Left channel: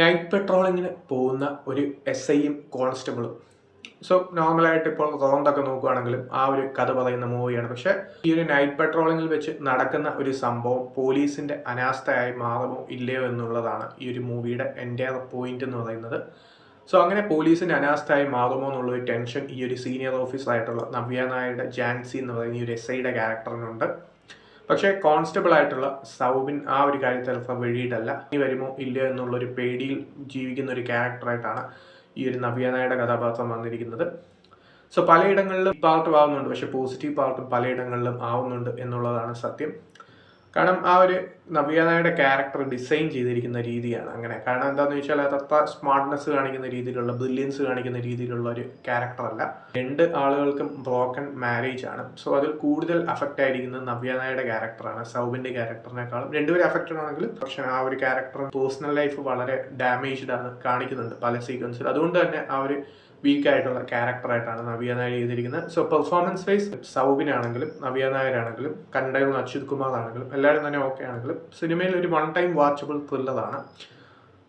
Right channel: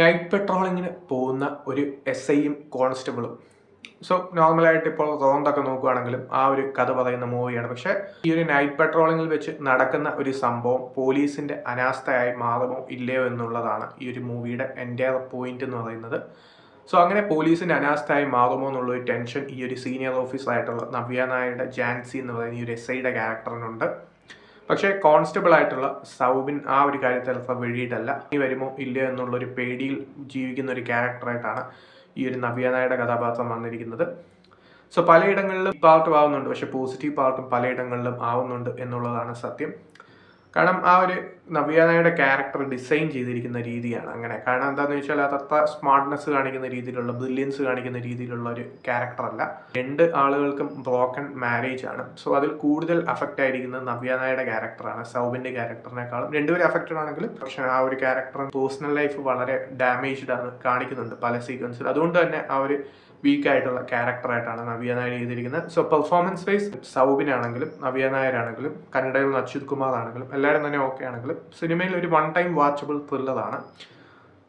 Night പെട്രോളിങ്ങിന് പോകുന്ന ഒരു SIയും കോൺസ്റ്റബിളും. So നോർമലായിട്ട് ഇപ്പോൾ റോന്തൊക്കെ നോക്കുകയാണെങ്കിലും ആ ഒരു കഥ പറയുന്ന മൂവിയാണ്. പക്ഷേ ഈ ഒരു നൈറ്റ് പെട്രോളിങ്ങിൽ വെച്ച് നടക്കുന്ന ഒരു സംഭവം പോലീസിൻ്റെ അനാസ്ഥയായി മാറുമോ ഇല്ലയോ എന്നുള്ളതാണ് ഈ ഒരു മൂവിയുടെ എൻ്റെ പോയിന്റ് എന്ന് പറയുന്നത്. സോ അങ്ങനെ പോലീസിൻ്റെ അനാസ്ഥയായി മാറുമോ എന്നുള്ളൊരു ടെൻഷൻ ഈ ഒരു സീനിയർ ഓഫീസറായിട്ടുള്ള നവ്യ നായരുടെ ജാൻസി എന്ന് പറയുന്ന ഈ ഒരു SIയുടെ ക്യാരക്ടറിനുണ്ട്. പക്ഷേ കോൺസ്റ്റബിൾ ആയിട്ടുള്ള സൗബിൻ ആ ഒരു കാര്യത്തിൽ അത്ര വെളിയിട്ടല്ല. ഈ വരുമോ ഇല്ലയോ എന്നുള്ളൊരു പേടിയിൽ ജീവിക്കുന്ന ഒരു ക്യാരക്ടറായിട്ടാണ് ഈ ഒരു നവ്യ നായരുടെ കഥാപാത്രം വന്നിരിക്കുന്നത്. സോ പലയിടങ്ങളിലും പാർട്ടും ആവുന്നുണ്ട്, പക്ഷെ പോസിറ്റീവ് പാർട്ടും പലയിടങ്ങളിലും ആവുന്നുണ്ട് എന്നുള്ളതാണ് സത്യം. കാരണം ആ ഒരു നവ്യ നായരുടെ ക്യാരക്ടർ ഡിസൈൻ ചെയ്തിരിക്കുന്ന രീതിയാണ് അങ്ങനെ. കാരണം എന്താണെന്ന് വെച്ചാൽ അതത്ര സ്മാർട്ട്നെസ് കാണിക്കുന്ന രീതിയിലുള്ള, ബ്രില്യൻസ് കാണിക്കുന്ന രീതിയിലുള്ള ഒരു ക്യാരക്ടറല്ല. 2 ആളുകൾക്കും ബ്രോക്കൺ മാരേജ് ആണ്. സോ അതിൽ കൂടുതൽ അഫക്റ്റ് ആയിരിക്കുന്നത് നവ്യ നായരുടെ ക്യാരക്ടറാണ് രണ്ടുപേരും ക്യാരക്ടറിനേക്കാളും. രണ്ടുപേരും അഫക്റ്റഡ് ആണെങ്കിലും പക്ഷേ ആ ഒരു ക്യാരക്ടറിന് പേഴ്സണൽ ലൈഫ് വളരെ ഡാമേജ്ഡ് ആണ് കാണിക്കുന്നുണ്ട് പല സീക്വൻസിൽ. അതുകൊണ്ട് തന്നെ ആ ഒരു വീക്കായിട്ടുള്ള ക്യാരക്ടറായിട്ടാണ് നവ്യ നായർ ചെയ്തിരിക്കുന്നത്. സോ പെർഫോമൻസ് വൈസ് സൗബിനാണെങ്കിലും നവ്യ നായരാണെങ്കിലും കന്നഡയിൽ നിന്ന് അച്യുത് കുമാർ ആണെങ്കിലും എല്ലാവരും തന്നെ ഓക്കെ ആണെങ്കിലും സിനിമയിൽ ഒരു വൺ ടൈം വാച്ചബിൾ ത്രില്ലറാണ്.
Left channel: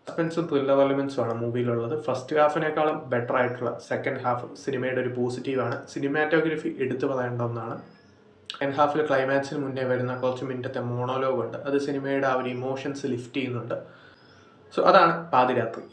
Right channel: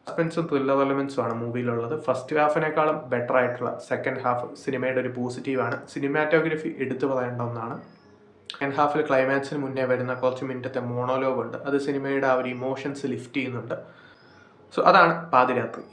സസ്പെൻസും ത്രില്ലർ എലമെൻസും ആണ് മൂവിയിലുള്ളത്. ഫസ്റ്റ് ഹാഫിനേക്കാളും ബെറ്റർ ആയിട്ടുള്ള സെക്കൻഡ് ഹാഫ് സിനിമയുടെ ഒരു പോസിറ്റീവാണ്. സിനിമാറ്റോഗ്രഫി എടുത്തു പറയേണ്ട ഒന്നാണ്. സെക്കൻഡ് ഹാഫിൽ ക്ലൈമാക്സിന് മുന്നേ വരുന്ന കുറച്ച് മിനിറ്റത്തെ മോണോലോഗ് ഉണ്ട്. അത് സിനിമയുടെ ആ ഒരു ഇമോഷൻസ് ലിഫ്റ്റ് ചെയ്യുന്നുണ്ട്. സോ അതാണ് പാതിരാത്രി.